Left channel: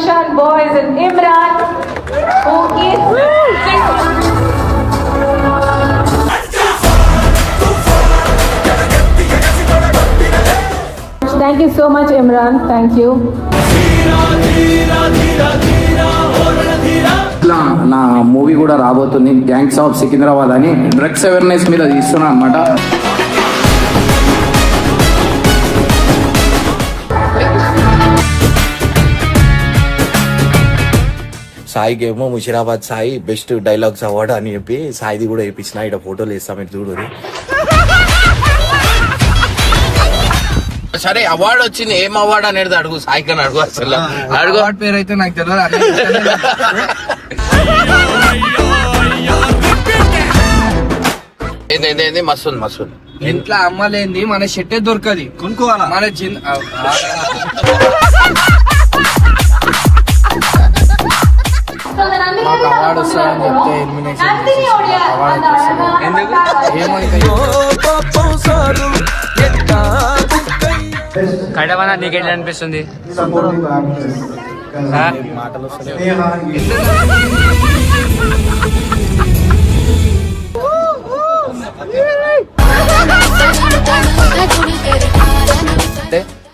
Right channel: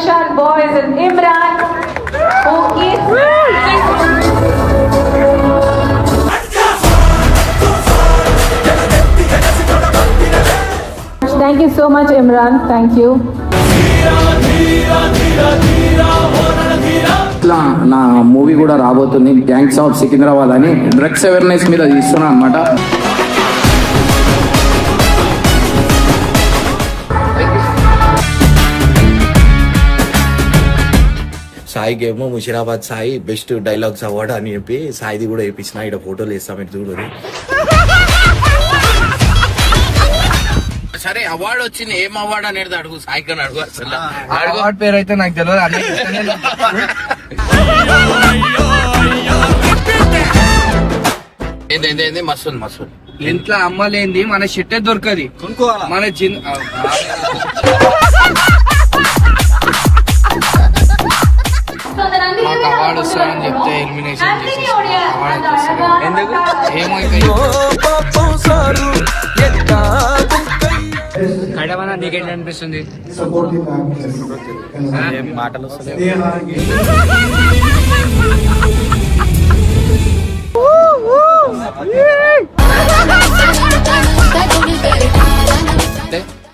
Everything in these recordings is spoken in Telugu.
Parishan Boys and Imran, who is Thank you so much, Imran. Thank you. నా మూవీ కూడా రాబోతుంది గ్యాంగ్స్ ఆఫ్ సికింద్రాబాద్ అని డ్రగ్స్ అవేర్నెస్ మీద తీస్తున్నా అనమాట. సాయికి ఏమో Musheerabad Sai best dialogues award అని చెప్పి సాయిది కూడా వేయించిన. ఇక్కడ ఫోటోలు వేస్తాం, మీరు చూడరు. సరే అవార్డు వచ్చింది, ఏం అవార్డు అనేది అడుగు, సాయి కన్నా అడుగు. అసలు అడుగు పేరు అయితే నాకు తెలియదు. ఏంది మస్తుంది మస్తుంది. ఇంట్లో అమ్మలేంది మన షెట్టే దొరకది కొనుక్కోవాలా మన మాకు అవార్డు వస్తుందని చెప్తే ఎలిమినేషన్ చేసేసి మాకు అవార్డు అయితే వస్తుంది. ఎందుకు ఏమో కడవన నీకెట్లా అనిపిస్తుంది? మాటలు వస్తలే.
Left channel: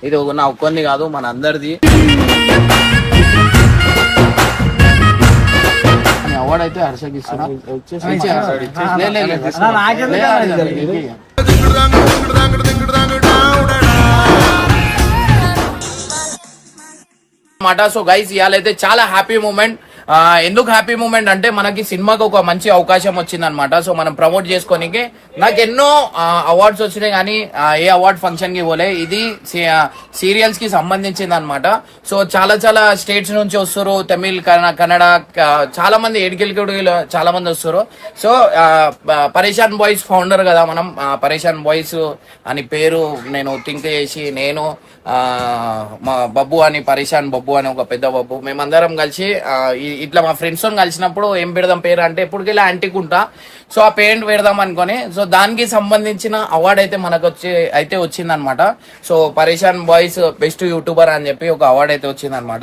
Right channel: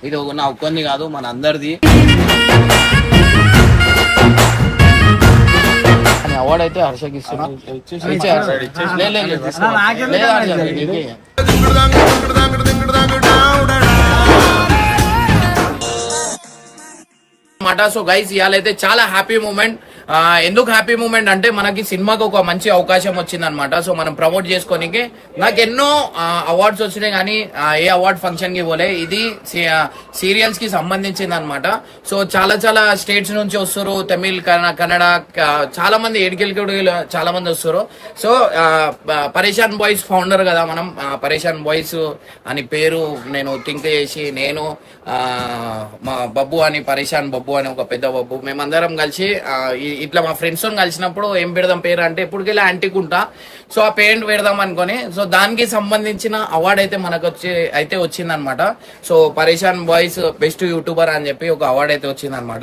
ఇది నా ఒక్కొంది కాదు, మన అందరిది. అవార్డు అయితే హర్షకి ఇస్తున్నా. సో గైస్ ఇవాళైతే చాలా హ్యాపీ మూమెంట్. ఎందుకు హ్యాపీ మూమెంట్ అంటే మనకి సినిమాకి ఒక మంచి అవకాశం వచ్చింది అనమాట. సో మనం ప్రమోట్ చేసుకోనికి నాకు ఎన్నో అవార్డ్స్ వచ్చినాయి, కానీ ఏ అవార్డ్ ఫంక్షన్ కి పోలే. ఇది సీరియల్స్ కి సంబంధించింది అనమాట. సో చాలా చాలా స్టేట్స్ నుంచి వస్తారు, తమిళ్, కన్నడ, చాలా మంది ఏడికెళ్ళి చాలా మంది వస్తారు. సో పరేషాన్ బాయ్స్ ఫౌండర్ కదా మనం. పరేషాన్ బాయ్స్ అని పేరు నేను థింక్ చేసి, నేను మా బబ్బు అని, పరేషాన్ బబ్బు అని ఒక పెద్ద బబ్బు, మేమందరం కలిసి ఇట్లా మా ఫ్రెండ్స్ తో కలిసినప్పుడు ఏం పెడదాం పేరు అంటే ఎప్పటికెళ్ళి యాంటికుంటా. సో ఆ పేరెంట్ పెడదాం అనుకుని, సో దానికి సంబంధించిన అవార్డు అయితే మనకు అయితే వచ్చిందనమాట. సో పరేషాన్ బాయ్స్ బెస్ట్ యూట్యూబర్ అని చెప్పి ఒక అవార్డు అయితే వచ్చిందనమాట.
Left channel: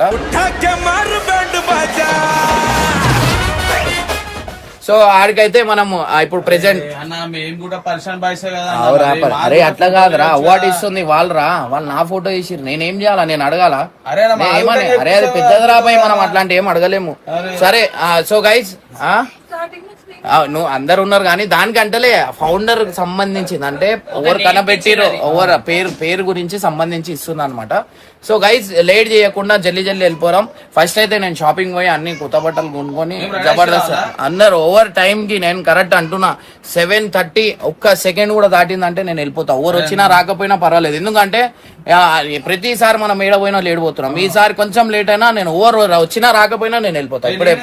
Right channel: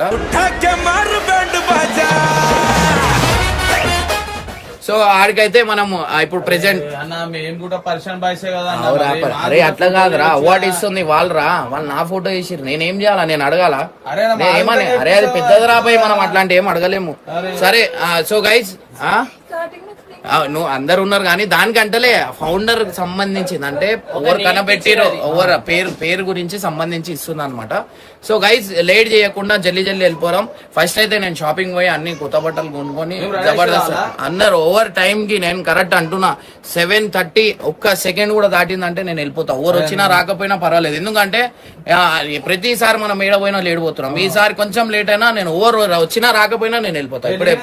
సో ఆడికైతే మనం ఇప్పుడు ప్రెసెంట్ అరే అట్లా కాదురా, అవార్డు ఇస్తుంది వాళ్ళరా, వాళ్ళు నా ఫోటో ఇచ్చిర్రు, నేనేం చేయాలా? నేను అడగాల? నేనేమని? అరే అది పెద్దది రాబాయి, మనం అట్లాంటి ఏం అడగలేము. సరే సో గైజ్ నువ్వు అందరు ఉన్నారు, కానీ దానికంటలే ఫౌండర్ సంబంధించింది, అంటే ఎవరు కనబెట్టిరో ఎవరు పేరు గురించి సంబంధించి ఇస్తుంది అనమాట. సో గైజ్ లేట్ చేయకుండా జల్దీ వెళ్ళిపోరాం. ఫస్ట్ అయితే నేను షాపింగ్ పోయి అన్ని కొత్త బట్టలు కొనుక్కొని జబర్దస్త్ అందరు ఓవర్ టైం కి నేను కరెక్ట్ అంటున్నా 7:30 ఒక్క సెకండ్ కూడా దాటిందంటే నేను వెళ్ళిపోతా. ఎవరు వచ్చినా రాకపోయినా పర్వాలేదు, ఎందుకంటే ప్రతిసారి మనం ఏడపోయినా లేట్ పోతున్నాం. ఈసారి కొంచెం లేట్ అయినా నేను ఓవర్ వచ్చినా రాకపోయినా నేను వెళ్ళిపోతా. ఇప్పుడే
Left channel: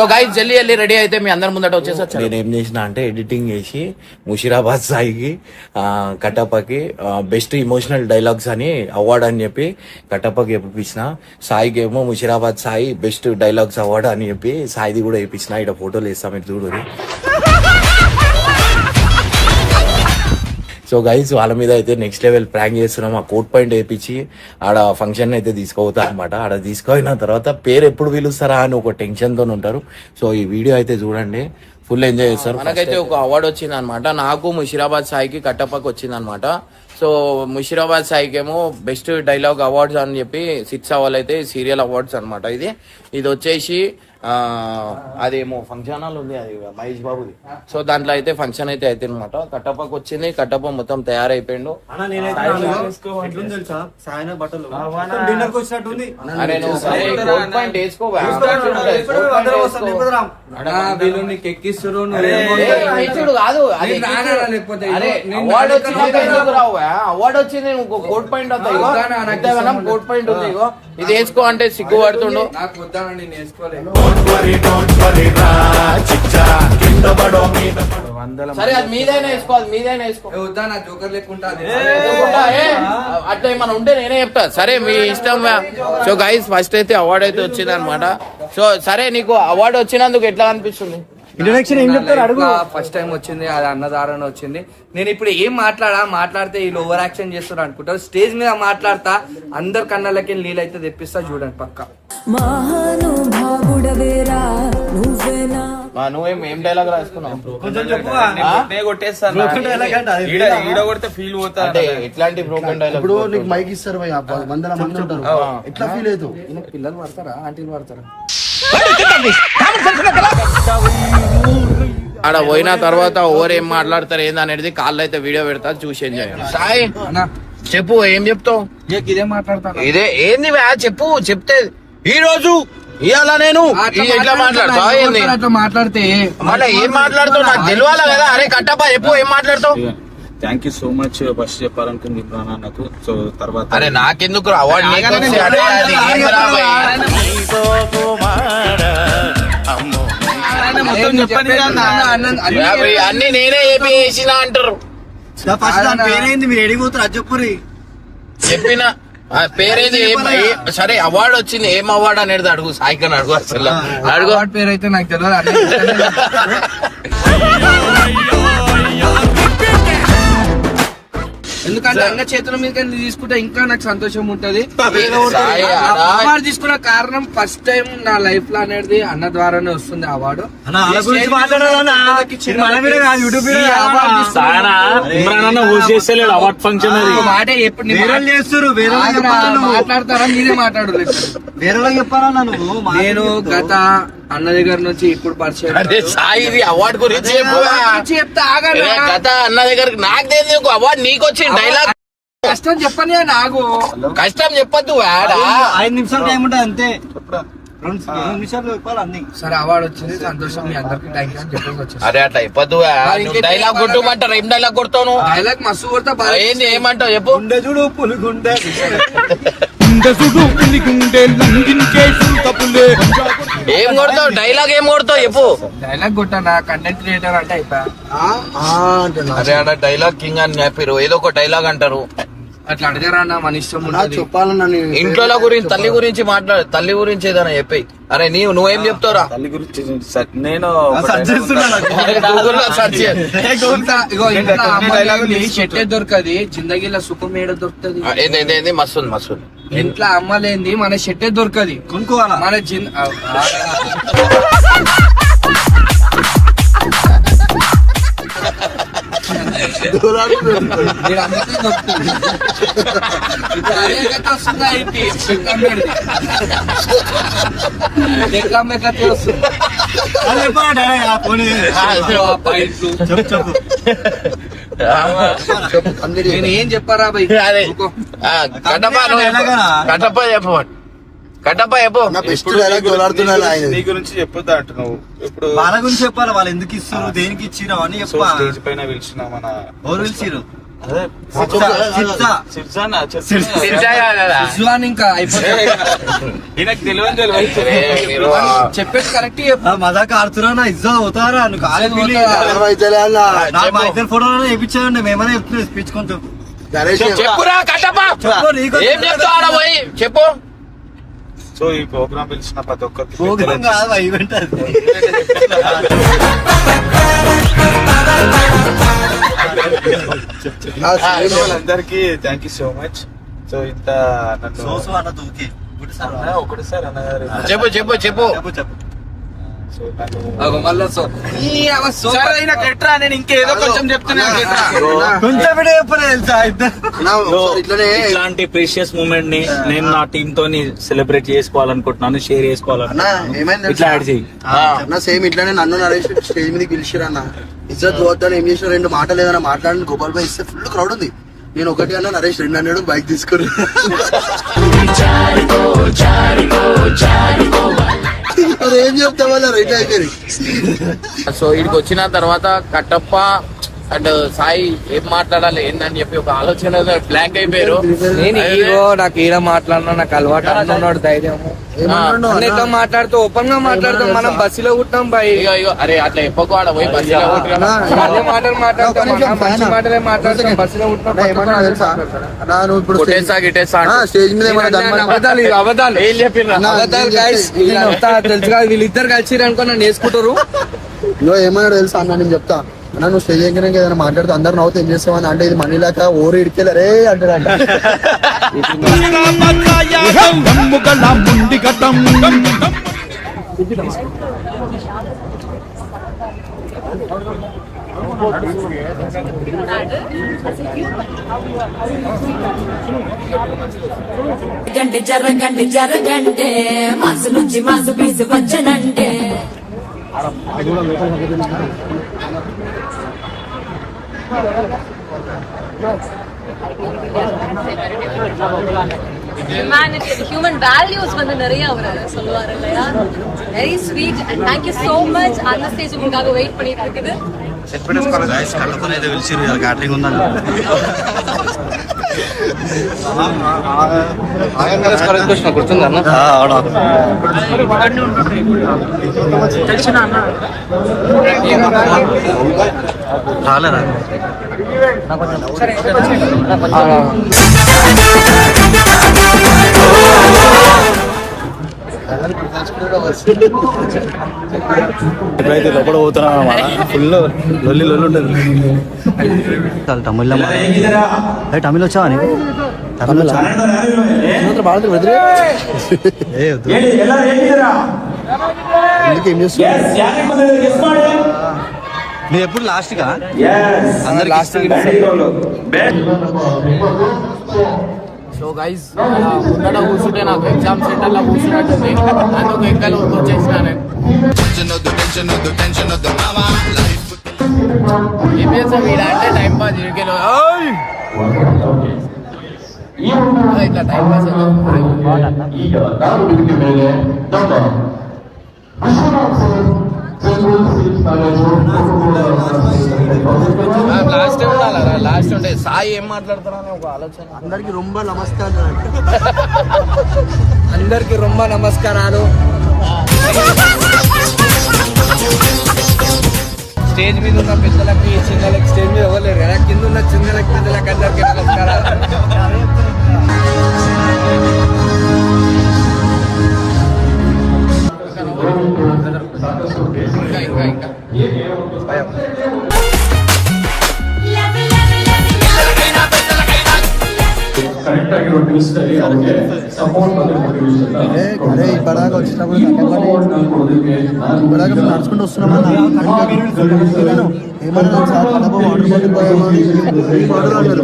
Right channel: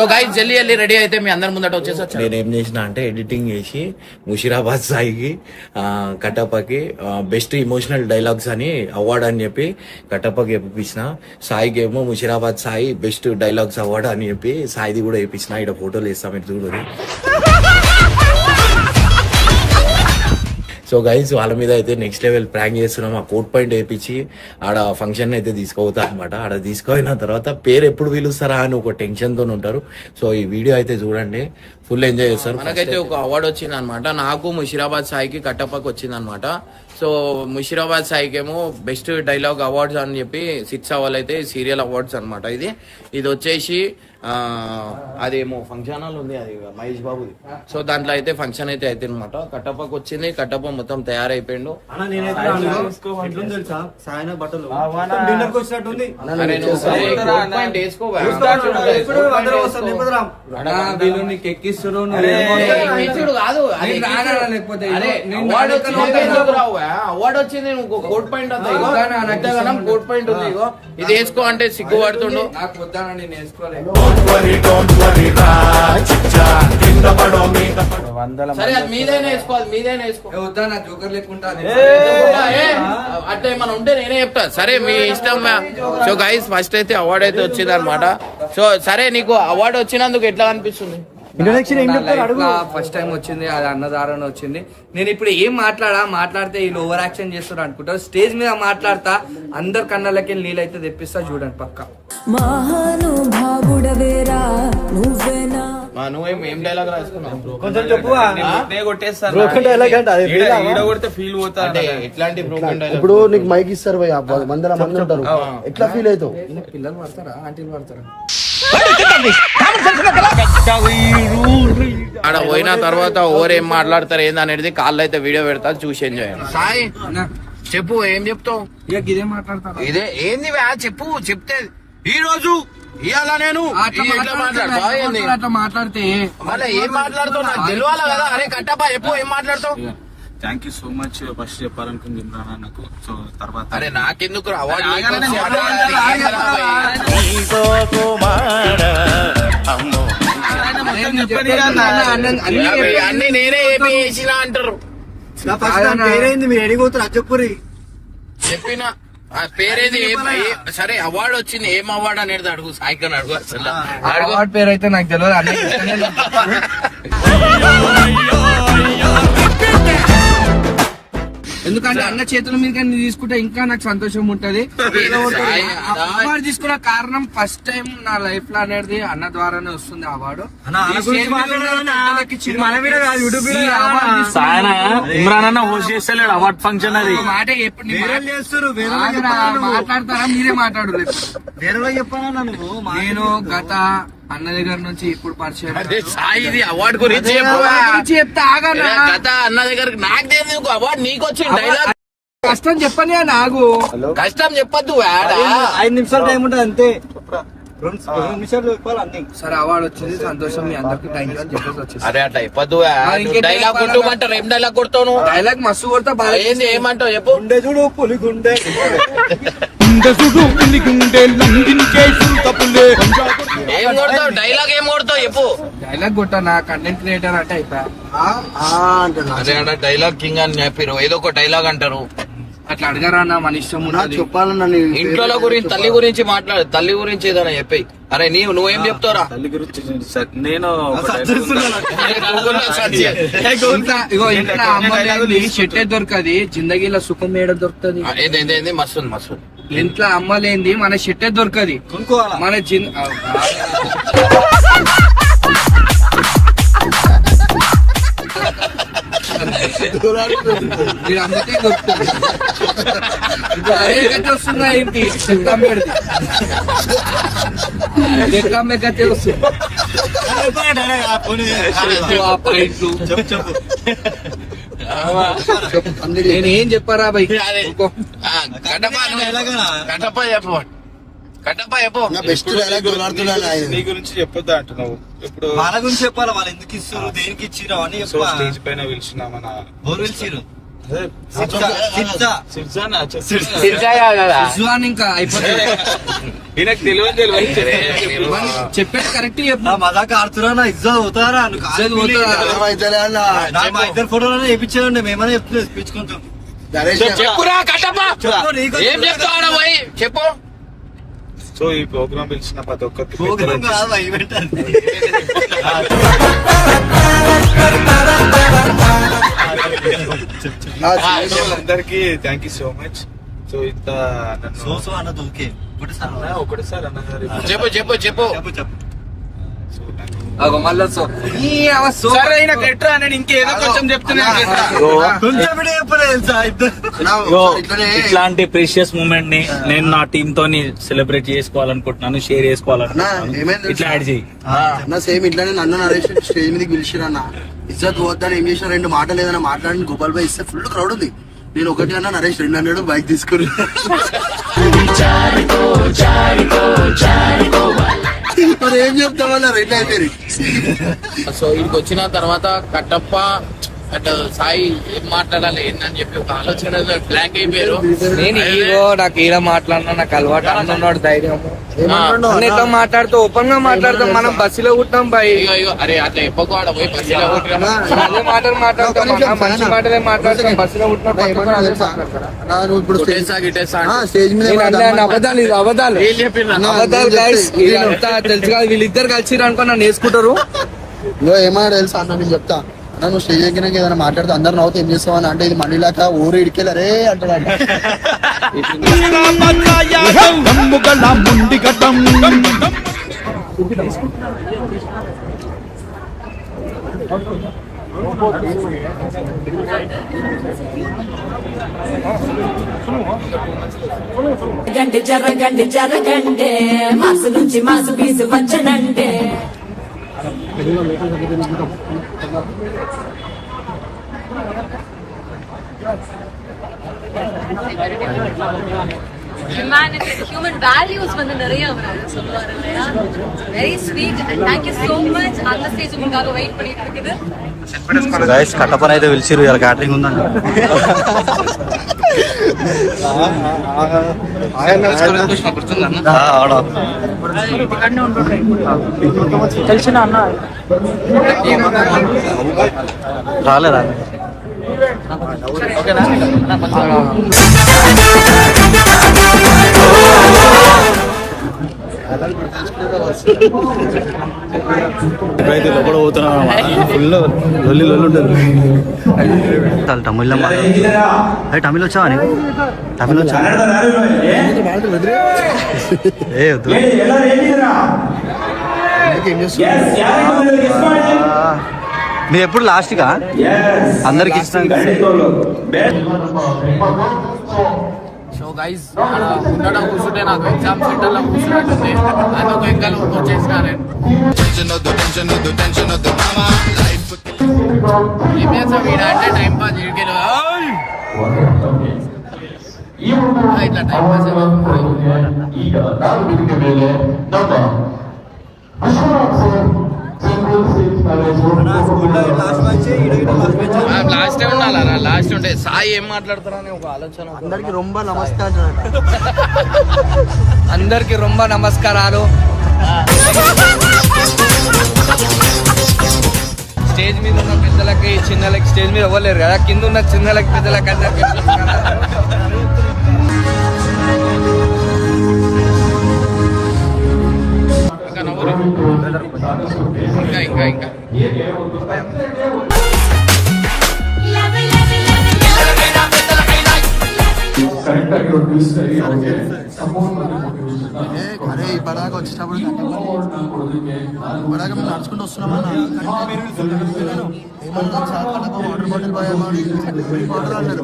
సో గైజ్ జల్దీ రెడీ అయితే మీ అందరి ముందట వచ్చేసి నేను ఏం చేసిన అంటే ఎడిటింగ్ చేసి ముషిరాబాద్ సాయికి కట్టప్పకి బెస్ట్ ఇమోషనల్ డైలాగ్స్ అని అవార్డు అని చెప్పి కట్టప్పకి వేయించిన. సాయికి ఏమో Musheerabad Sai best dialogues award అని చెప్పి సాయిది కూడా వేయించిన. ఇక్కడ ఫోటోలు వేస్తాం, మీరు చూడరు. సో గైస్ వాళ్ళ మీద అయితే నెక్స్ట్ లెవెల్ ప్రాంక్ చేస్తున్నాం. ఆ కోట్ పాయింట్ వేయించి ఆడ ఫంక్షన్ అయితే తీసుకోవతా అనమాట. ఆడ తీసుకుపోయిన తర్వాత పేరు ఎప్పుడు పిలుస్తారా అని ఒక టెన్షన్ తో ఉంటారు. సో ఈ వీడియో అయితే చూడండి, ఫుల్ ఎంజాయ్ చేస్తారు. మనకైతే ఒక అవార్డు వచ్చింది అనమాట. నాకు ముషిరాబాద్ సాయికి కట్టప్పకి వచ్చింది అనమాట. సో ముషిరాబాద్ సాయికి ఏమో బెస్ట్ డైలాగ్ అవార్డ్స్ అని చెప్పి 6 అవర్లు అయితే సీరియల్ అవార్డ్స్ అనమాట. ఇది వచ్చేసి అదేమో ఫంక్షన్ హాల్ ఉంది, అది మహేష్ బాబుది. సో దాంట్లో అయితే ఫంక్షన్ అయితే అనమాట. కట్టప్పకి వచ్చింది, కట్టప్ప మొత్తం తయారైపోయిండు. అరే నువ్వు సరే కోట్ పాయింట్ వేసుకో, కాదు అవార్డు వచ్చింది కోట్ పాయింట్ కోట్ పాయింట్ ఉంది. ఇది వేసుకో అంటే సిగ్గుపడుతుండు. సరే అది మీదైనా వేసుకోవాలి, మీదైనా వేసుకో. జోకర్ లేకుండా అట్లా ఏమైనా ఉంటే నేనే చెప్తా. సరే మీ ఇష్టం. సో గైస్ ఫస్ట్ అయితే అవార్డు అయితే వచ్చింది అనమాట. సో సరే నీకు అవార్డు వచ్చినందుకు ఎట్లా అనిపిస్తుంది? ఇంట్రడక్షన్ ఏం చెప్తారు లైఫ్ అడుగు. లా ఫస్ట్ టైం వచ్చింది, అది అన్నదారణ వచ్చింది. నేను ఇప్పుడు ఏం మాట్లాడితే వీళ్ళు ఓవర్ యాక్షన్ చేస్తారు అనుకుంటారు. స్టేజ్ మీద మాట్లాడతా, అందరు కళ్ళకి నీళ్ళైతే తెప్పిస్తా, చూడండి పక్క. మహానుభావుడవేరా నువ్వేనా నువ్వేం డైలాగ్ రాసుకున్నావు? కొంచెం చెప్పువా. కొట్టేస్తాను Broken dialogue అంటే అదే. కొడితే ఫీల్ పోతా. అంటే ఇట్లాంటి బ్రోకెన్ డైలాగ్ ఇప్పుడు నీకు మైక్ ఇస్తారు భయ్య, వందల మంది ఉంటారు, ఎట్లా ఫీల్ అవుతావు? పిల్లలు పడతారా, ఆంటీలు పడతారా? ఆడ పోయిన తర్వాత ఓవర్ ఏం మాట్లాడతారు ఏందనేది కాళ్ళు అయితే వీడియో పెడతా, చూసి ఎంజాయ్ చేయండి. సాయి చెప్పు, ఏం చెప్తావు? ఇదే మాట్లాడతాను. ఇదే ఏంది వా, చెప్పు. చెప్తే ఈ రోజు ఇవాళ నేను ఇట్లా మాట్లాడతావా ఏంది? అట్లా మాట్లాడితే మళ్ళీ ఏం మాట్లాడుతావు నాకు తెలియాలి కదా. అరే కట్టప్ప చెప్పు, ఏం మాట్లాడతావు? Thank you so much. First చెప్పాలనుకుంది ఇమ్రాన్ అన్నకు. సో తర్వాత అరే నాకెందుకు అవార్డు అన్ని నేనే చేసిన అంటారు. ఫస్ట్ దాని పేరేంది, మీరు ఎడిగిపోతారు అది చెప్పురి. చెప్పిన ఆ పేరేంది, సరే అవార్డు వచ్చింది, ఏం అవార్డు అనేది అడుగు. సాయికని అడుగు, అసలు అడుగు. వాడి పేరు అయితే నాకు తెలియదు. ఎందుకంటే అన్న చేతుల మీద తీసుకుంటే ఇంకా నాకు సంతోషం ఉంటది. అవార్డు తీసుకున్న కారణం ఫస్ట్ టైం నా లైఫ్ లో అనేది అన్న ద్వారానే వస్తుంది అవార్డు. ఇమ్రాన్ అన్న హోస్ట్ చేస్తలేడు అవార్డ్ ఫంక్షన్. అది మాట ఎప్పుడు మాట్లాడతారా, మీరే మాట్లాడరు. వేరే చెప్పాలా నువ్వు? నేను గత అన్న దగ్గర నుంచి ఇప్పుడు పరిచయం. అదే సాయి, ఇది అవార్డు గురించి చెప్పు. చెప్తా ఆగన్నా. గత అన్న దగ్గరికి నాకు తెలియదు, అవార్డు నీకు వచ్చింది. డైలాగ్ కష్టం చెప్పని నాకు కష్టం చెప్పద్దు. 5 నిమిషాలు టైం ఉంటుంది అంతే. 2 నిమిషాలు చెప్పాలి అన్ని. సరే అవార్డు వచ్చింది, సంతోషం. మీ అందరికి థ్యాంక్ యూ అని చెప్పేసి వచ్చేసి. అరే అట్లా చెప్పద్దు. డైలాగ్ కొట్టుమంటారు. ఏం డైలాగ్ కొడతావు నువ్వు? డైలాగ్ మస్తు కొడతా. ఏంది, ఏమంటావు చెప్పు? గుండె చూడు పులిగుండె. ఏం కొడతావు? డైలాగ్ ఏం కొడతావు చెప్పు? డైలాగ్ కొట్టా, నా కంటెంట్ క్రియేటర్ అంటే అయితా. అరే ఆడ డైలాగ్ కింగ్ అని చెప్పారు, ఏదో ఒక డైలాగ్ అంటారు. అట్లా అడగరా అన్న, మన ఇష్టం ఉంటుంది. చెప్పాలన్నా నేను ఇంట్లో గురించి, తల్లి గురించి మాట్లాడు. తల్లి గురించి ఏదైనా చెప్పాయి. అరే నువ్వేం చెప్తావురా? తల్లి గురించి నేను ఇగో ఇంట్లో అమ్మాయి చెట్టే దొరకది, జిందగీలో సుఖం ఏడ దొరుకుతుంది. ఏంది మస్తుంది మస్తుంది. ఇంట్లో అమ్మలేంది మన చెట్టే దొరకది, కొనుక్కోవాలా? మన మీరు అమ్మితే దొరుకుతుంది. ఇప్పుడు అదే కథ వస్తుందా ఏంటి? ఎక్కమ్మే కథ వస్తుంది. చెప్పు నేను ఏం చెప్పారా బై? అదే కట్టప్ప చెప్పు. కట్టప్ప చెప్పు. బెస్ట్ డైలాగ్ దొలాడుతున్నాడు ఆయన. నీ గురించి చెప్పొద్దు అంటున్నావు. ఇప్పుడు వాళ్ళ గురించి చెప్పాలి, వాళ్ళు ఎందుకు ఇస్తారు, దేనికి ఇచ్చిరు అని చెప్పా. స్టేజ్ పైన పిలిచిన మన ఎవరు పిలిచిరు? అదే ఇస్లాన్ ఇంకా అయిపోతుంది. ఈయనకు తెలియదు చెప్పేది కరెక్ట్ చెప్పు. మజాక్ ఆడుతున్నా, నా ఇజ్జత్ పోతారా? నువ్వు కాలేజ్ పోతారా? నాకు మా ఇద్దరు ఫోటోలు వేయించారండి, మేమనే చెప్తున్నాం ఇప్పించుకుంటాం. చెప్పురా కట్టప్ప. ఏం చెప్తావు ఆడ పోయి చెప్పు. సో ఈ ప్రోగ్రామ్ పిలిచిన ప్రతి ఒక్కరికి ప్రోగ్రామ్ కాదు, ఈవెంట్ అది. అందరికి thank you so much. So ఇంత నన్ను సోసు అన్నది ఓకే. ఒకటిసారి అన్నగారు చెప్పు చెప్పు చెప్పు. చెప్పు. సో నన్ను మళ్ళా నేను ఇంకేదో కొంచెం చెప్తున్నా. కొంచెం వీడియో చెప్పలేదు తెలుసా ఇద్దరు. ఇట్లాంటి ప్రీషియస్ మూమెంట్ ని నేను నా టీమ్ తోని సెలబ్రేట్ చేసుకోవాలనుకుంటున్నాను, షేర్ చేసుకోవాలనుకుంటున్నాను. ఇట్లా యాడ్ చేయి. సేమ్ ఇట్లానే నన్ను నరేష్ స్టేజ్ మీదకి పిలిచిరన్న, ఇజ్జత్ పోద్దని ఏం చేసిన 2 మాటలు ఏదైనా మాట్లాడిన గోపాల్ భాయ్ ఇస్తే ఫుల్ క్రౌడ్ ఉంది. నేను ఒకటి అన్న, నరేష్ 2 అన్నాడు, బైక్ తీసుకుని ఏం చెప్తావు రైట్ అయిపోయింది. సో ఇక్కడికి వచ్చిన తర్వాత కట్టప్ప అండ్ సాయి ఏం మాట్లాడాలి ఏందని చెప్పి ఒక ఆలోచన బ్లాంక్ అయిపోయారు. నేను ఈగో, నాకు ఈడ మాట్లాడినా నాకు అలవాటు. అన్నున్నాడు ధైర్యం, మాట్లాడుతూ ఓపెన్ గా మాట్లాడతాం. మనం బస్సులో కుట్టాం బాయ్. అరే అట్లా ఎప్పకు ఆడ పోయి బస్సులో అదే మాటలు మాట్లాడతాం, మంచి మాటలే మాట్లాడతాం. బస్సులో కుట్టినా స్టేజ్ మీద అబద్ధాలు, ఇవి అబద్ధాలు. ఇదంతా తెలుసు కాదు, వీళ్ళిద్దరు కలిసి అనుకో నన్ను వేసుకుంటారు. ఇంకో ఏమన్నాడు తెలుసా అన్న, నేను చెప్తా అన్న, నువ్వు స్టేజ్ ఎక్కినాక ఏదైనా మాట్లాడుతూ అందరు నవ్వుతూ ఏం చేస్తావు అని అంటే, ఇది మనీ లేక ఊరు ఇడికెళ్ళరే అంటాడంట. జరగండి జరగండి మాసు నుంచి మాసు పీసు వచ్చనండి. human values வந்து நிறைய அவர் சொல்லுவாரு இல்லையா. Very sweet and thank you so much. அந்த ஸ்டேஜ் உங்களுக்காக வெயிட் பண்ணிட்டு இருக்குது. గైస్ కట్టపని అయితే పిలిచిరు, ఇలా క్యాటరింగ్ ఉందండి. రాలేదా? ఇప్పుడైతే లోపల పోతున్నాం అన్నమాట. ఫుల్ లొల్లి ఉంటుంది. తమిళ తమిళ వచ్చావా నీకు? తమిళ వచ్చా? మీరు ఎప్పుడు లాస్ట్గా అందరికి సో గైజ్ ముందట కూర్చుంటే నాకు ఎగ్జామ్ సెంటర్ లో కూర్చున్నట్టుంది. నేను ఒక ఎంకల్ వచ్చేసిన నేను ఏం చేస్తాం ఈడ అంటే టైం పాస్ ఇడికెళ్ళి ఇట్లా టైం పాస్ లాస్ట్ ఉండాలా? లాస్ట్ ఉంటే సాయి ఏం మాట్లాడతారని ఒక ఆలోచన. అందరికి రొంబ నమస్కారం. అందరికి రొంబ నమస్కారాలు. స్టేజ్ మీద ఉన్న పెద్దలకి చిన్నలకి, స్టేజ్ మీద ఇవ్వలేరు కదా, కింద ఉన్న చిన్నలకి పెద్దలకి అందరికి నమస్కారాలు. ఇంకా ఇంకా అరే ఇప్పటిదాకా వచ్చినప్పుడు ఇప్పటిదాకా మేము నడుచుకుంటూ వస్తున్నామన్నా. ఏమన్నా సార్ కడప వాటర్ బాటిల్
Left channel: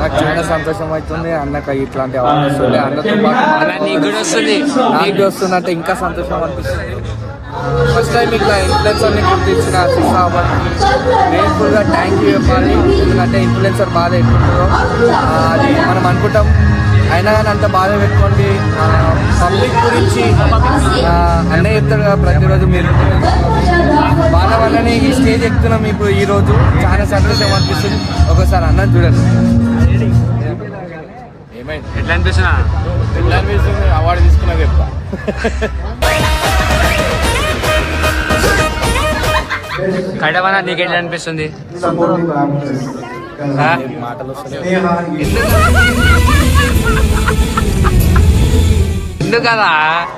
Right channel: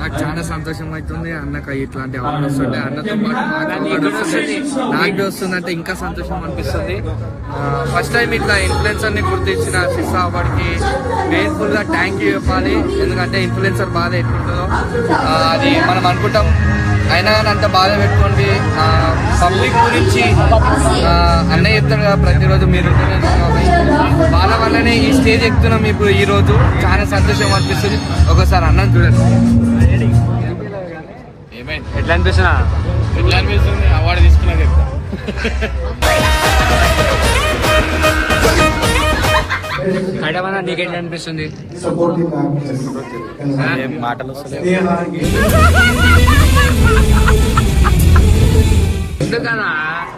నాకు చాలా సంతోషం అవుతుంది. అన్నకు ఇట్లాంటి అవార్డు వస్తుంది. అన్నతో పాటు నాకు వస్తుంది అంటే ఇంకా సంతోషం అనిపిస్తుంది. ఫస్ట్ టైం ఇట్లా ఇన్ఫ్లుయెన్సర్ని గుర్తించిన సిస్టాబాద్కి గ్రేట్ఫుల్గా థ్యాంక్ యూ చెప్పాలి. ఎందుకంటే ఇన్ఫ్లుయెన్సర్ బాధ ఎట్లుంటుందో అది మనం అనుకుంటాం, అయినా కానీ అంత బాధ పెట్టుకోండి. పబ్లిక్ గురించి అన్నయ్య చెప్తాడు కదా ప్రతిరోజు మీరు వాళ్ళ వల్లనే ఈ స్టేజ్ ఎక్కుతున్నాం. ఇప్పుడు ఈ రోజు చాలా సంతోషం అనిపిస్తుంది. ఒకసారి అన్నం చూడండి. ఏమైంది? ఎట్లా అనిపిస్తున్నా? ఎట్లా అనిపిస్తుంది? అవార్డు తీసుకున్నా చెప్తా. కడవనా నీకు ఎట్లా అనిపిస్తుంది? మాటలు వస్తలేవు. ఎందుకు కదా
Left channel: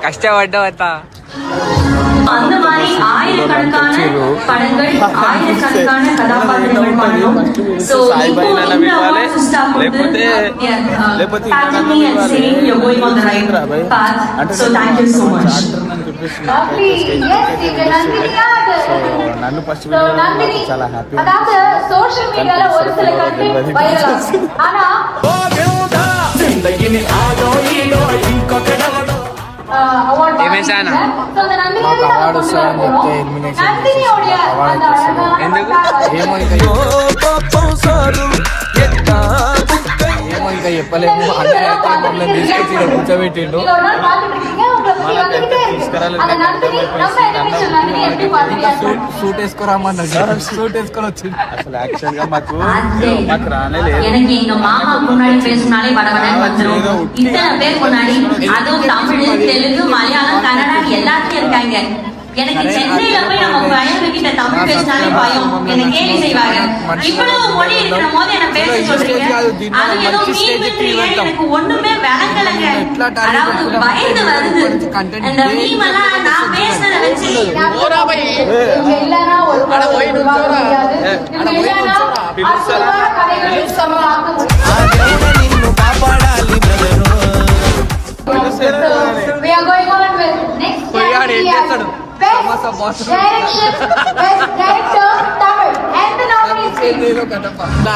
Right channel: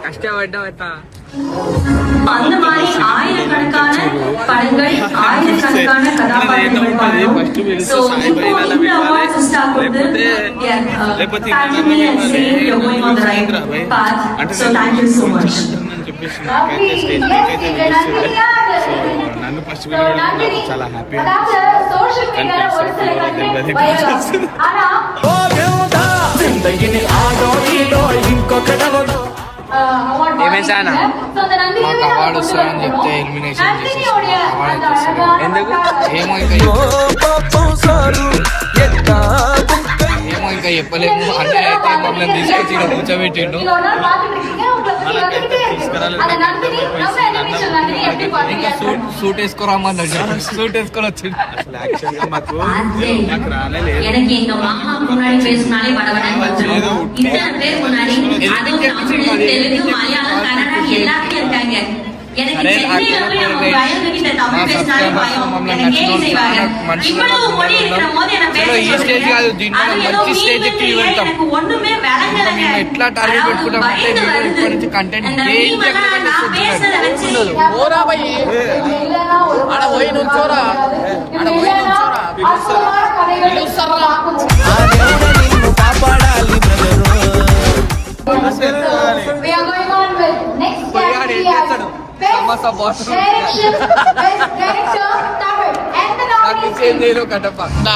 కష్టపడ్డావు అంత. వచ్చిర్రు చూస్తే ఏదో ఉంటుంది. ఫస్ట్ పిలిస్తే సాయిబాయి లేకపోతే ఇన్నాడన్న వెళ్ళాలి. రాబాయ్ అంటే నేను చాక్టర్ అని చెప్పేసి నాకైతే స్టేజ్ అయితే పిలుస్తుంది. సో నన్ను ఫస్ట్ పిలవడం నాకు చాలా హ్యాపీ అనిపిస్తుంది. కానీ పిలుస్తారో పిలవరో తెలియదు. ఏమేసానా మాకు అవార్డు వస్తుందని చెప్తే ఎలిమినేషన్ చేసేసి అవార్డు అయితే వస్తుంది. ఎందుకు ఏమో ఇంకా చెప్పలేము. అన్నయ్య అయితే మమ్మల్ని తీసుకొచ్చి ఇక్కడ కూర్చోబెట్టిండు. మనకైతే తీసుకురాలి ఇంకా సూట్ వేసుకోరామన్నాడు. సూట్ వేసుకొని వచ్చింది. అసలు యాక్చువల్ గా మాకు రానే లేదు. సరే మా సబ్స్క్రైబర్స్ మమ్మల్ని నచ్చిన చాలా మనుషులలో చలో ఈ స్టేజ్ కాదు, దీంట్లో మంచి స్టేజ్ ఎక్కి ఉంటాం. ఇంకా మేము ఎట్లా టార్గెట్ పెట్టుకుంటామంటే వీడియో ఇప్పటి నుంచి కంటెంట్ కాపాడాలి బ్రదరు.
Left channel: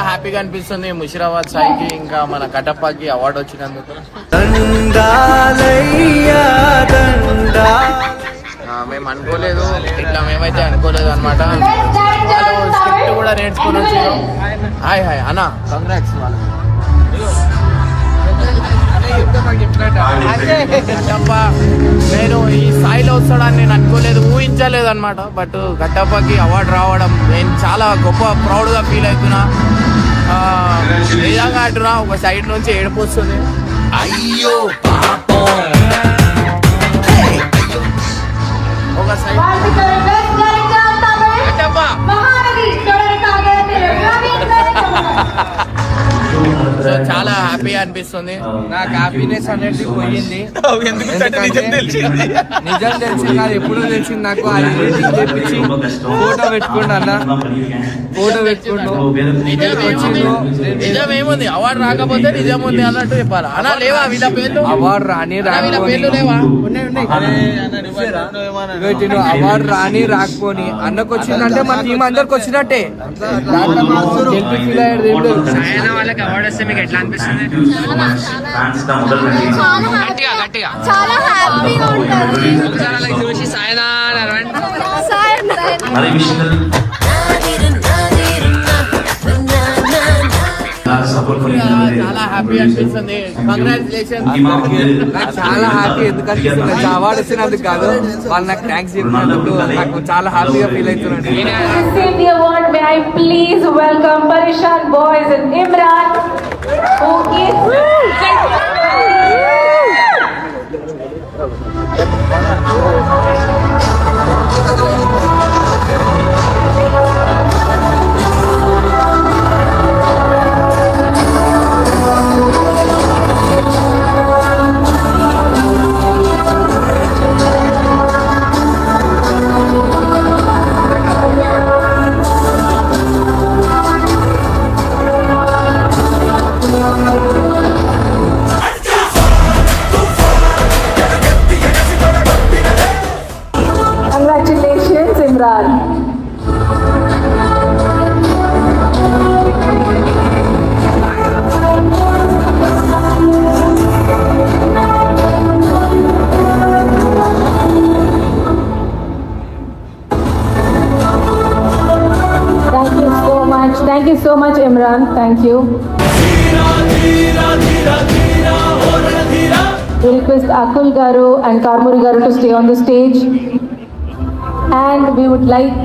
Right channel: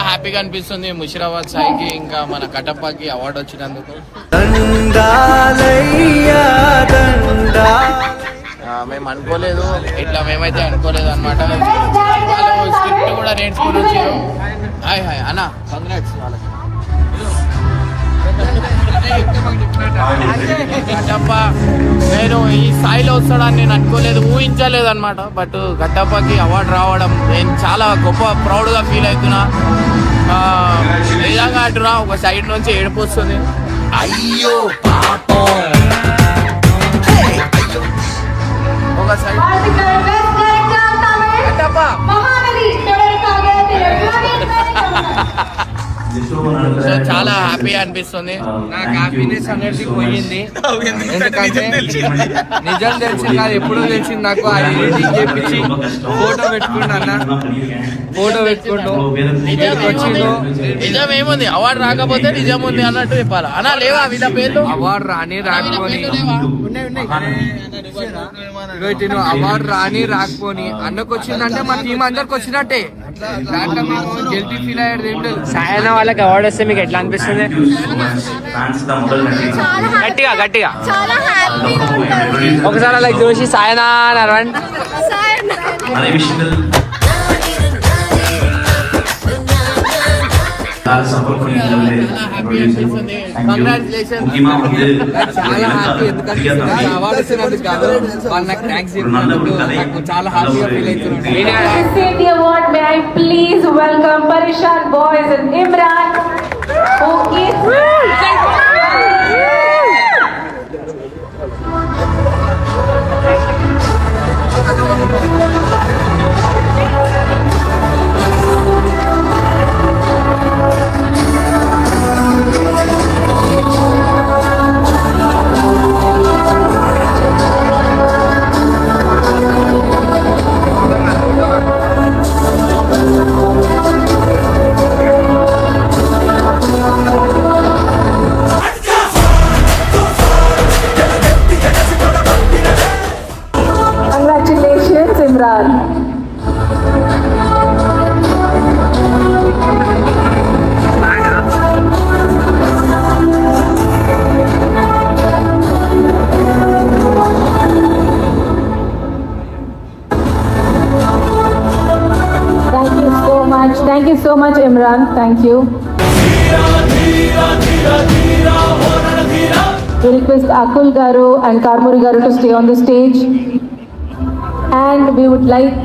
హ్యాపీగా అనిపిస్తుంది ముషిరాబాద్ సాయికి ఇంకా మన కటప్పకి అవార్డు వచ్చినందుకు. మేము అనుకోలేదు, ఇట్లా మేమైతే అనుకోలేదు అనమాట. వాళ్ళు స్క్రిప్ట్ కూడా నేర్చుకుని వచ్చారు. హాయ్ హాయ్ అన్న, కంగ్రాట్స్ వాళ్ళకి. కట్టప్ప నేను ఈ స్థాయిలో వస్తాడని నేను అనుకోలేదు, ఊహించలేదు అనమాట. బట్ కట్టప్పకి అవార్డు రావడం నేను చాలా గొప్ప ప్రౌడ్ గా ఫీల్ అవుతున్నా. నిజంగా అంటున్నా, ఒక సైడ్ నుంచి ఏడుపు వస్తుంది. అయ్యో పాపం, ఒక సైడ్ సో చాలా హ్యాపీగా అనిపిస్తుంది. నాకు హ్యాపీనెస్ అనేది పోయింది, ఎందుకంటే నిజం తెలిసింది కాదు, ఎప్పుడో తెలిసింది నాకు. అది ఎడిటింగ్ చేపించి ఫోటో పెట్టుకుంటా అన్న, ఫోటో పెట్టుకుంటూ వచ్చిండు. నిజం ఏముంది, అవార్డు రాకపోతే నిజం ఉంది అన్నట్టు చెప్పాలా అన్నా? లేవా వీళ్ళ పేర్లు? అవార్డు రాని రాకపోని, అవార్డు రాని రాకపోని అన్నకు వచ్చిందంటే మన టీం అందరికి వచ్చినట్టే. దాంట్లో మేము గెలిపి ఫీల్ అయ్యేది ఏం లేదు. సాయన వాళ్ళకి అవార్డు వస్తే మీకు ఎట్లా అనిపిస్తుంది? గట్టిగా గట్టిగా చాలా హ్యాపీగా ఉంటుంది. ఒకసారి అలా చూసి సాయన నరవండి. చాలా హ్యాపీ అనిపిస్తుంది. కంగ్రాచులేషన్. చాలా హ్యాపీ ఎందుకు అనిపిస్తుంది, అవార్డు ఇచ్చినందుకు కాదు, వాళ్ళు నాకు థ్యాంక్స్ చెప్పినందుకు నాకు చాలా హ్యాపీగా ఫీల్ అవుతున్నాను. The award, may I please welcome Parishan Boys and Imran, who is congratulations Imran. Thank you so much Imran, thank you. We request Akul Garu and Karmuri Garu to stay on the stage, and we would like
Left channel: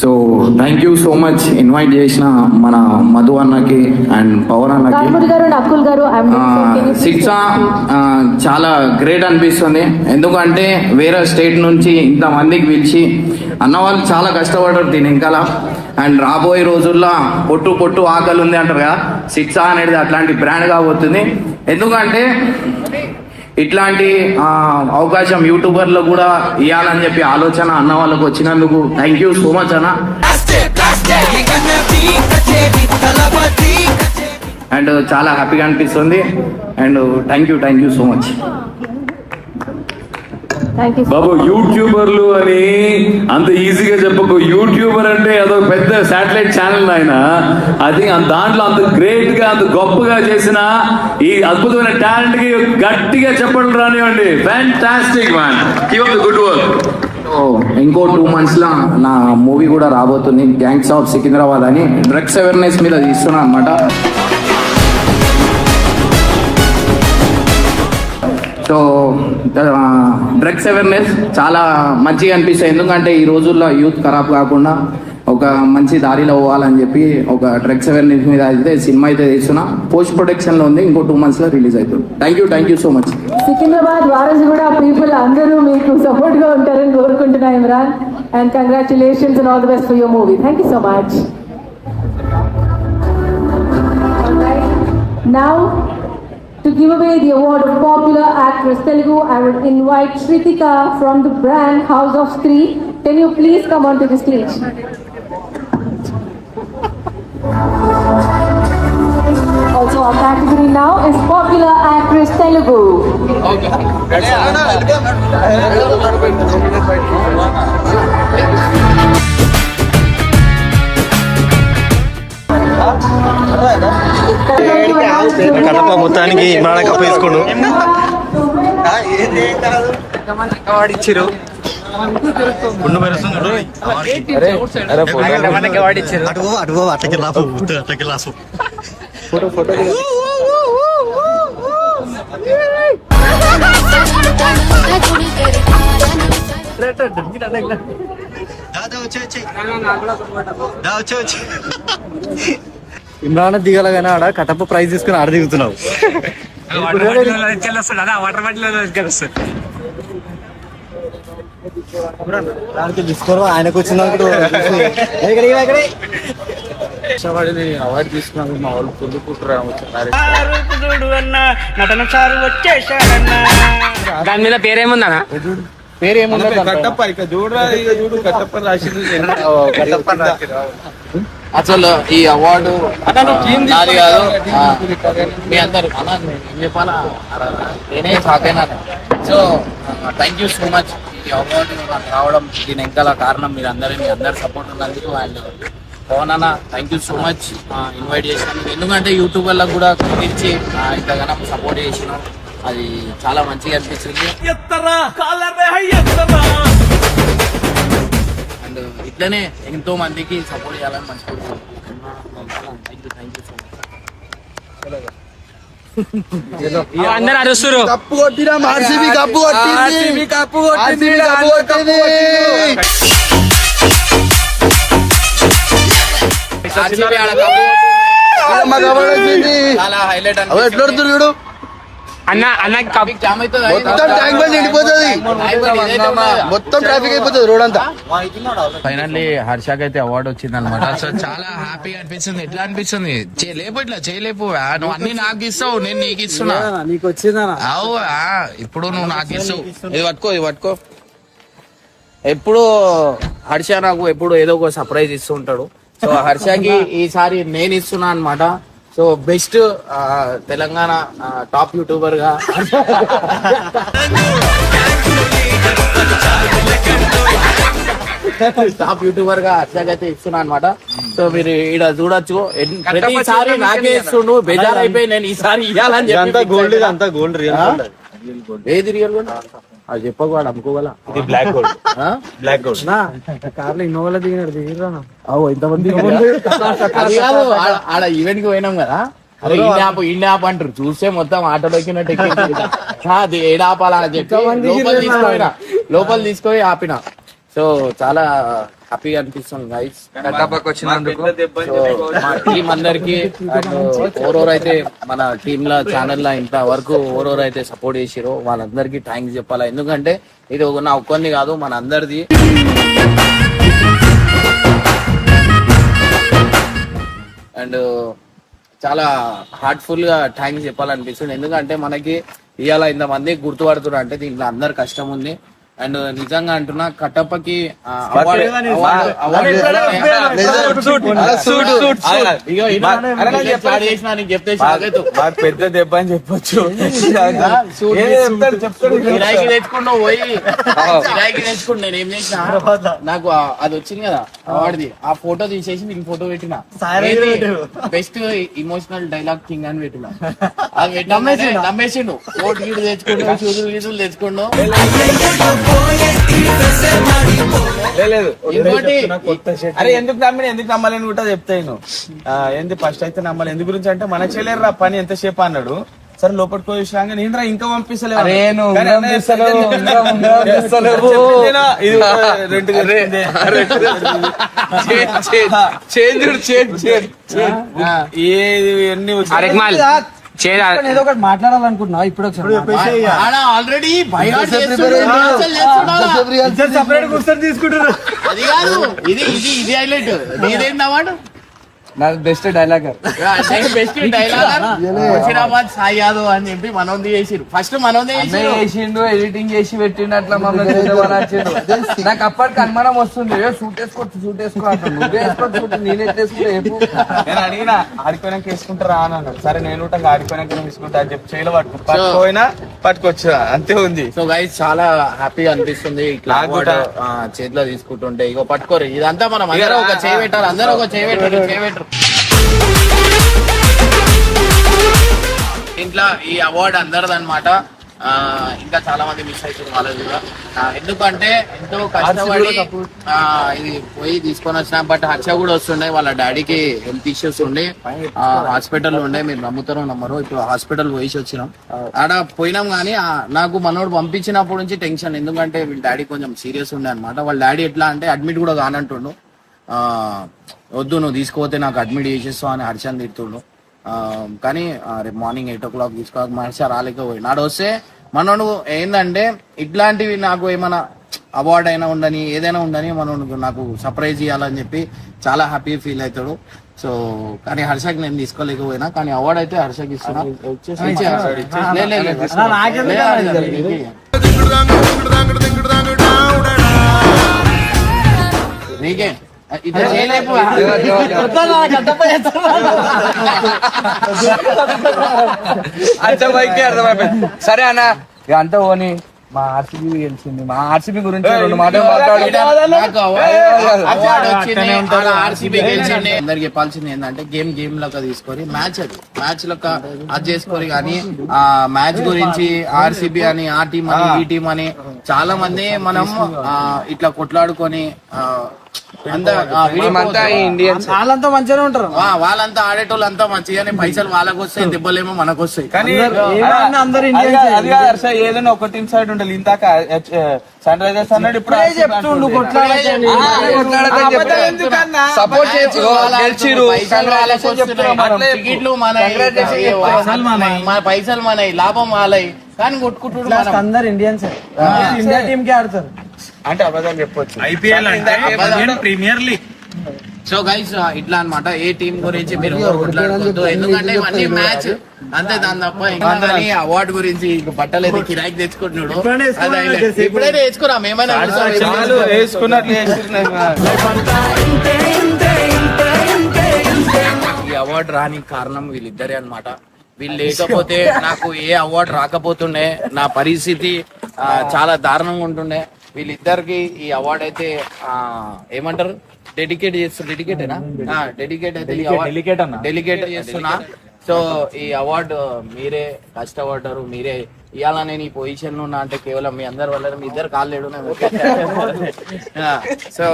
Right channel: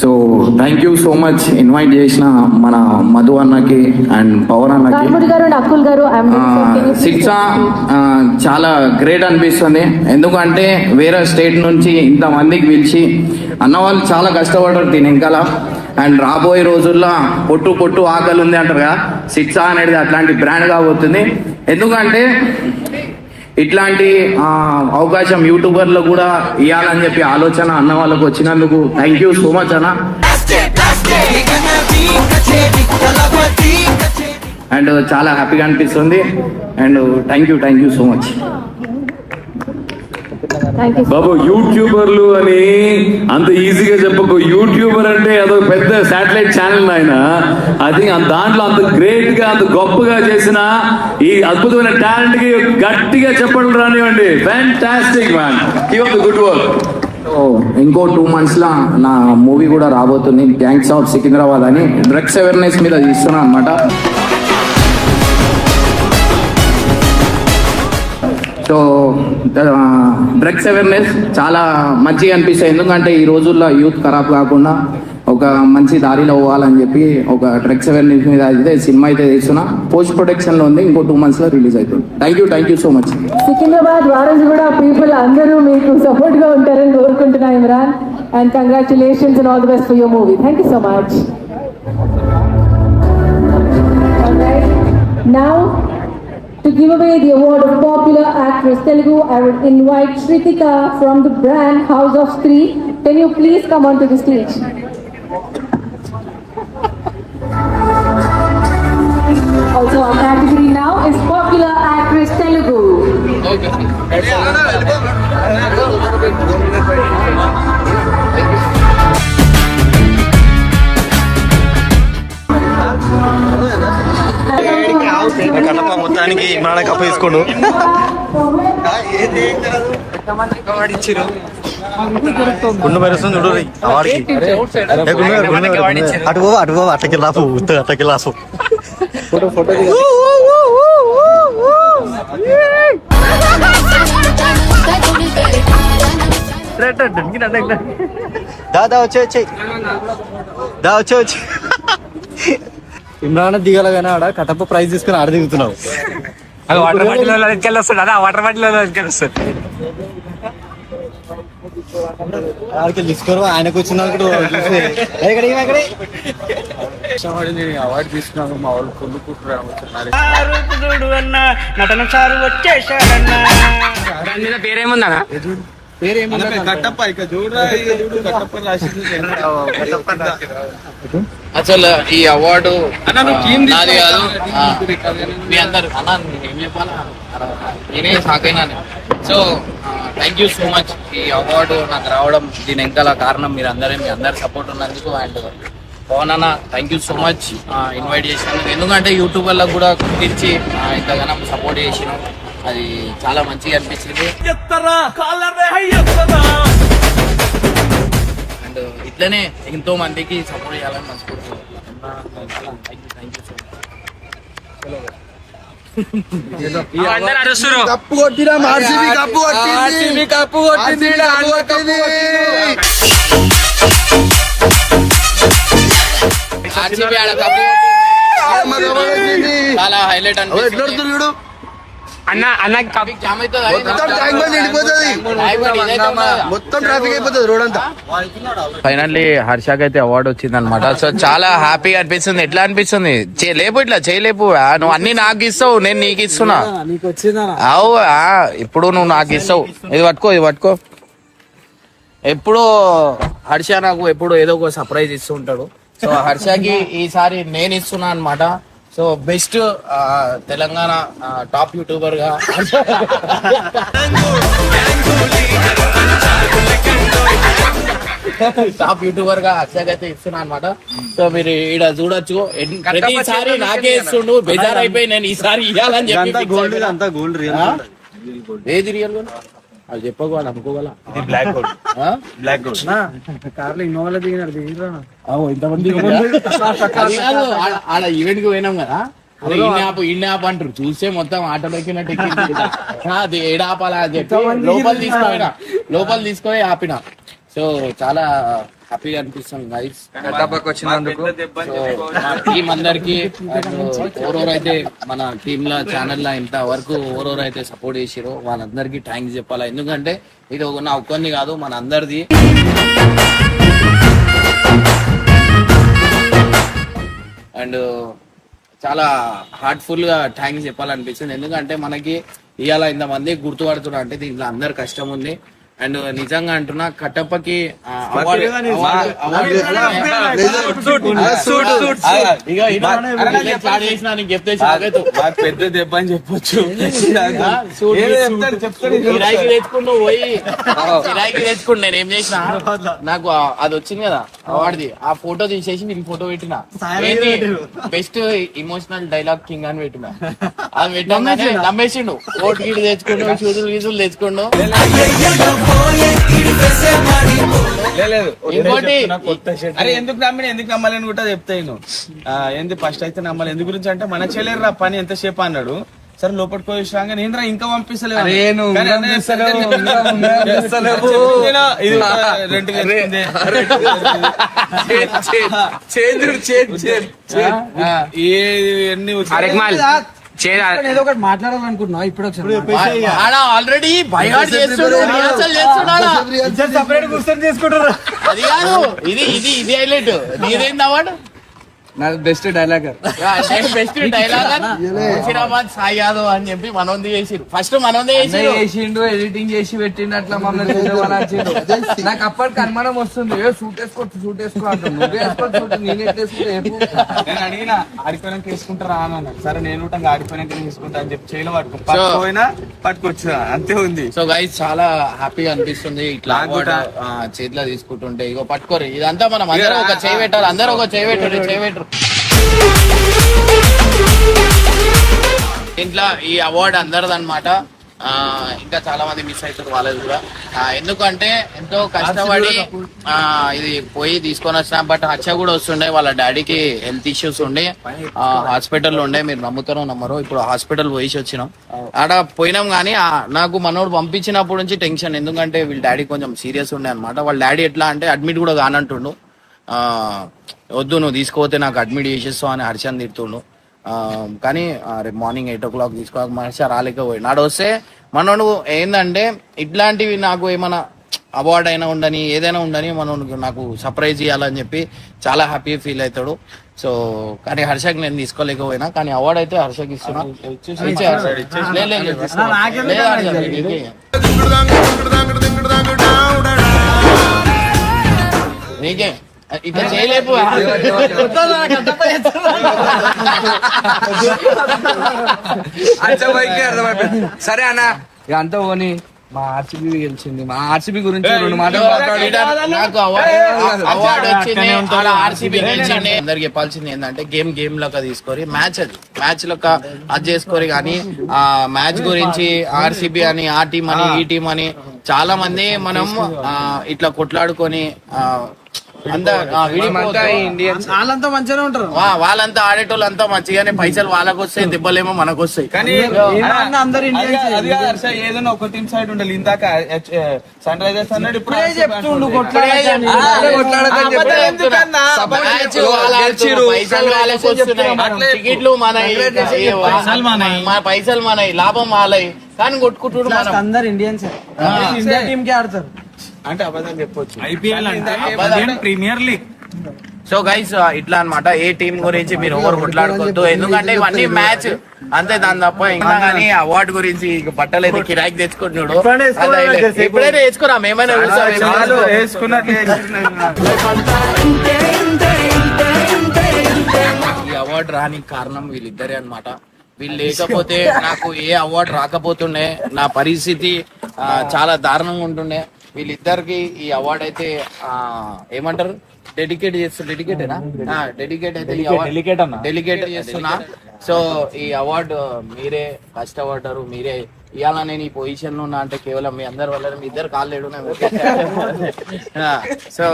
so thank you so much invite చేసిన మన మధు అన్నకి అండ్ పవన్ అన్నకి. Karmuri Garu and Akul Garu, I am శిక్ష చాలా గ్రేట్ అనిపిస్తుంది. ఎందుకంటే వేరే స్టేట్ నుంచి ఇంతమందికి పిలిచి అన్న వాళ్ళు చాలా కష్టపడ్డారు దీని వెనకాల. అండ్ రాబోయే రోజుల్లో పొట్టు పొట్టు ఆకలి ఉంది అంటారు కదా, శిక్ష అనేది అట్లాంటి బ్రాండ్ కాబోతుంది. ఎందుకంటే ఇట్లాంటి అవకాశం యూట్యూబర్లో కూడా ఇవ్వాలని చెప్పి ఆలోచన అన్న వాళ్ళకు వచ్చినందుకు థ్యాంక్ యూ సో మచ్ అన్న. అండ్ చాలా హ్యాపీగా అనిపిస్తుంది. And thank you so much. బాబు యూట్యూబర్లు అని అంత ఈజీగా చెప్పకు. యూట్యూబర్ అంటే అదొక పెద్ద శాటిలైట్ ఛానల్ ఆయన. అది దాంట్లో అంత గ్రేట్ గా అంత గొప్పగా చేసిన ఈ అద్భుతమైన టాలెంట్ కి గట్టిగా చెప్పడం రానివ్వండి. Fantastic man, keep up the good work. ఇంకో 2 months లో నా మూవీ కూడా రాబోతుంది, గ్యాంగ్స్ ఆఫ్ సికింద్రాబాద్ అని. డ్రగ్స్ అవేర్నెస్ మీద తీస్తున్నా అనమాట. సో డ్రగ్స్ అవేర్నెస్ చాలా మంచిగా అనిపిస్తాయి. ఎందుకంటే ఈ రోజుల్లో యూత్ ఖరాబ్ కాకుండా ఒక మంచి దారిలో పోవాలని చెప్పి ఒక డ్రగ్స్ అవేర్నెస్ మీద అయితే సినిమా అయితే తీస్తున్నా. పోస్ట్ ప్రొడక్షన్ లో ఉంది, ఇంకో 2 months లో రిలీజ్ అవుతుంది. Thank you so much. Secunderabad Warasiguda people అందరూ మీకు సపోర్ట్ గా ఉంటారని Korukuntunna Imran, and congratulations and all the best for your movie. Thank you so much. Alright, now to give away the award of Popular Actress Telugu, I would invite Shritika from the brand House of Stree. Can you please come onto the stage? Also, our category now is Popular Actress Telugu. కథప మొత్తానికి ఇమ్రాన్ కప్ప వేసుకోండు. గుండు మెరుస్తుంది చూడు అవాడికి. అటు అట్టకి లాపు అట్టకి లాసు. దా వచ్చే ఇమ్రాన్ దిగల కానీ ఆడ కటప్ప ప్రైజ్ తీసుకుని ఆడ దిగుతున్నావు. అది వాటర్ బాటిల్ ఎత్తుకెళ్ళొస్తాడు. అదే వాటర్ బాటిల్ ఎత్తుకెళ్ళొస్తాడు. ఆడికి తీసుకోరు ఆయనకు వచ్చింది అనుకుంటూ అవార్డు తీసుకున్నాను మా వాళ్ళు ఫుల్ కుట్టారు. నటన సారు వచ్చేసాడన్నా. దాని మీద పేరేముందనా? కట్టప్ప ఇక చూడు కట్టప్ప అసలు ఈ అవార్డు నాది కాదు, మీ అందరు అన్నా. ఏం చెప్పాలా, నేనే సాకైనా. So thank you so much. ఈ అవార్డు నాకు రావడం దీని వెనకాల కారణం మీరు అందరూ, మీ అందరు సపోర్ట్ ఉన్నందుకు. అండ్ పవన్ అన్న thank you so much invite చేసినందుకు. ఎందుకంటే యూట్యూబ్ వాళ్ళకు కూడా కుదిర్చి ఇంతగానో సపోర్ట్ చేసినాం. అది చాలా మంచిగా అనిపించింది. అండ్ ఇట్లనే ఎంతో మందికి సపోర్ట్ చేయాలని మంచి కోరుకుంటున్నాను. Thank you so much. అందరూ అరుస్తారు. కప్పు కొట్టినా ఆర్సీబీ కప్పు కొట్టింది. ఆర్సీబీ ఆడ కప్పు చాలా హైలైట్ అనిపిస్తుంది. అన్న జామ్ అవుతుంది, మొత్తం ట్రాఫిక్ అయిపోతుంది రోడ్ అంతా. ఫైనల్లీ హర్షకి అయితే అవార్డు వచ్చింది అనమాట. సో చాలా హ్యాపీగా అనిపిస్తుంది. ఎట్లా అనిపిస్తుంది? చేయలేపు, ఇట్లా చేయలేపు. నువ్వు అన్ని నాకు ఇస్తావు, నేను నీకు ఇస్తున్నా. అవు ఇప్పుడు నువ్వు నాకు ఇస్తావు. ఇది పట్టుకో. ఎప్పుడు హర్ష నాకు ఎప్పుడు ఏదో ఒక సర్ప్రైజ్ ఇస్తూ ఉంటాడు. సో హర్షకి ఈసారి నేను ఇస్తున్నా అనమాట. So best Telangana top YouTuber గా హర్షకైతే ఇస్తున్నా అనమాట. సో మీరు ఈడ చూడొచ్చు, ప్రతిసారి నాకే ఇస్తుండు. బేజారైపోయి నేను ఈసారి ఇవ్వాలని చెప్పి ఏది రియల్ గోల్డ్ అది చెప్పకు, వాడు అమ్ముకోగల. Black gold. కార్లో ఇన్నోవాలో దిగినాడు. ఇంతమంది అది కాదు, ఆడ ఈవెంట్ కి పోయినాం కదా. అరే ఇన్ని ఆప్ అంటారు. చూస్తే మొత్తం ఆటోలో ఎక్కినట్టు అది ఏడాపాలా అని చెప్పి లోపల తీసుకొని ఆపిన. సో చాలా హ్యాపీగా అనిపిస్తుంది గైస్ వచ్చినందుకు. సో మా టీం అందరికి ఓరోరైతే మన టీమ్ ల ఛానల్ లా ఇంత వరకు ఓరోరైతే సపోర్ట్ చేసిరో వాళ్ళందరికీ థ్యాంక్స్ చెప్పాలా. ఎందుకంటే ఇది నా ఒక్కరిని కాదు, మన అందరిది. అండ్ చాలా హార్ట్ఫుల్ గా థ్యాంక్స్ చెప్పాలనిపిస్తుంది. ఎందుకంటే మనకి ఇవాళ ఇంతమంది గుర్తుపడుతున్నారు అంటే దీంట్లో అందరు కష్టం ఉంది. అండ్ నిజంగా అంటున్నా కట్టప్పకి అవార్డు చెప్తే పెద్ద దెబ్బ అని చెప్పొచ్చు. కిరాయికి తెచ్చుకుంటూ పోయి కిరాయికి తెచ్చుకుంటూ నేను ఏం చేసిన, నాకు అది వచ్చింది కదా అవార్డుది, ఆ ఫోటో తీసేసి నేను ఫోటో పెట్టిన. బెస్ట్ ఇమోషనల్ డైలాగ్ కింగ్ అని పెట్టిన. అది పెట్టిన నమ్మేసిండు. కోట్ గీడు తెచ్చుకుంటూ, షూజులు గీజులు తెచ్చుకుంటూ. అరే ఎందుకు నమ్మలేని కూడా చెప్తాను. ఏంది ఫస్ట్ అయితే నమ్మాలి. ఎందు గురించి అంటే మన చెల్లెరు రా పని ఎంతసేపు అన్నాడు. సరే లోపలికి పోయి రాగా నేను ఇంకా పంపిస్తలేవు. ఏదో ఒకటి మాట్లాడాలనుకుంటున్నా ఇప్పుడు ఆల్రెడీ సపరేట్ కూర్చొని తీసుకుంటారు. అది కాదు, ఇది హైలైట్. నీదేంది అవార్డు? నాకు బెస్ట్ డైలాగర్. బెస్ట్ డైలాగర్ ముషిరాబాద్ సాయి యాదవ్ అని చెప్పి మనోంది చేసిరు. ఫస్ట్ మనోంది చేసిండు, ఎడిటింగ్ చేసి పెట్టిండు, అట్లా మమ్మల్ని నాకు అప్పటికి అనుమానం వస్తుంది, షూట్ వేసుకో అంటాను. నువ్వే వేసుకోవచ్చు షూట్, నేను ఎట్లేసుకుంటే నేను అడిగినా ఆడిపోయినాక వేసుకుంటారా అని అన్నారు. సరే నేను కూడా ఆడిపోయినాక వేసుకుంటా అని చెప్పి చేయలో పట్టుకోపోయినా పట్టుకొచ్చా, అంతే ఉంది. సో గైస్ చాలా హ్యాపీగా అనిపిస్తుంది ఇట్లా అవార్డు చేతిలో తీసుకుంటుంటే. ఇగో పట్టుకోరు, ఇదంతా మనం అందరూ ఒక చేయి పెట్టాలి, అందరూ ఒక చేయి పెట్టారు. ఇంట్లో ఈ అవార్డు అందరిదన్నమాట. ఇంకా చాలా మంది మిస్ అవుతారు వాళ్ళది కూడా. ఎందుకంటే ఎంతో కష్టపడి ఇది పోయి తీసుకొని వచ్చిన. బట్ హర్ష కూడా వస్తుండే, వాళ్ళ డాడీకి హెల్త్ ఇష్యూస్ ఉండే హాస్పిటల్లో ఉండే. మీరు నమ్ముతారో నమ్మరో, ఇప్పుడు హాస్పిటల్ పోయి వచ్చినాం. ఆడ పోయినాం కానీ నాకు మనోడు పంపించినప్పటి నుంచి టెన్షన్. ఎందుకంటే వీళ్ళ డాడీ కొంచెం సీరియస్ ఉండే అనమాట. వాళ్ళ డాడీ ఎట్లా అంటే అడ్మిట్ కూడా కానంటుండు. వద్దు నువ్వు తీసుకుపోతే నాకు అడ్మిట్ చేసేస్తావు అని హర్షని తిడుతుండు. కానీ రేపు మార్నింగ్ 8 o'clock తీసుకోక హర్ష రాలేకపోయి. నాడు వస్తే మనోడు ఏంటంటే ఇట్లాంటివి నాకు ఏమైనా అవార్డు అయినా ఉండని ఏదైనా ఉండని మనోడు నాకు సర్ప్రైజ్ ఇవ్వాలని చెప్పి చాలా హ్యాపీ ఫీల్ అవుతాడు. సో కానీ హర్షకి నేను తీసుకోలేకపోయినా, కానీ అవార్డు అయితే హర్షకి ఇస్తున్నా. నీకే ఇట్లా చేయలేపు. సరే అన్న అంతా పోనీ, మా ఆర్సీబీ గెలిచింది. మా ఆర్సీబీ గురించి 2 మాటలు ఆర్సీబీ గెలిచింది. అందరికి చెప్పాల్సింది ఏంటంటే గేమ్ లెక్క తీసుకొని మ్యాచ్ లెక్క అది చేసుకోరు. కానీ ఆ మ్యాచ్ గురించి ఆర్సీబీ అని, ఆ టీం అని, ఈ టీం అని చాలా మంది మనం ఇట్లా కొట్లాడుకొని వాళ్ళంతా మంచిగానే ఉంటారు. వాళ్ళంతా ఆడేటోళ్ళు అంతా మంచిగానే, పైసలు వాళ్ళకి వస్తాయి, దెబ్బలేమో మనకు వస్తాయి. కానీ ఏదైనా ఒక టీం సైడ్ ఉండాలి. ఇందాక సన్ రైజర్స్ అన్నాడు, ఇప్పుడు చెప్తుండు టికెట్లు మన పైసలు మనవి, లాభం వాళ్ళవి, కానీ కొట్టుకుంటున్నాడు. అందరు ఇండియన్స్, ఇండియా టీమ్ కి ఆడతారు అంటే అబద్ధం చెప్పొచ్చు. ఐపీఎల్ అంటే ప్రీమియర్ లీగ్. సో గైస్ ఇట్లా అన్నమాట. ఏ టీం గురించి మీరు ఓవర్ కొట్లాడుకోవద్దు, ఎందుకంటే ఇవన్నీ మ్యాచ్ అంతే, దాని తప్ప ఇంకా. కానీ అవార్డు గురించి బట్టలు అయితే కిరాయికి తెచ్చుకుంటున్నాడు. ఎప్పుడైనా వేసుకురా, మేమైనా ఈ అవార్డు రానికి కారణం వీళ్ళిద్దరే అన్నమాట. వీళ్ళు లేకపోతే నాకు ఏ అవార్డు రాకపోతుండే, నా పరిస్థితి చాలా దారుణంగా ఉంటుండే. వీళ్ళిద్దరికి ఈ అవార్డు అయితే ఏమంటారు, డెడికేట్ చేస్తున్నా. సో ఈ అవార్డు మీరే కష్టపడ్డారు, మీరే ఇవాళ నేను ఈ పొజిషన్ లో ఉన్నా అంటే కేవలం మీ అందరి వల్ల. మీ ఇద్దరు కాళ్ళు సో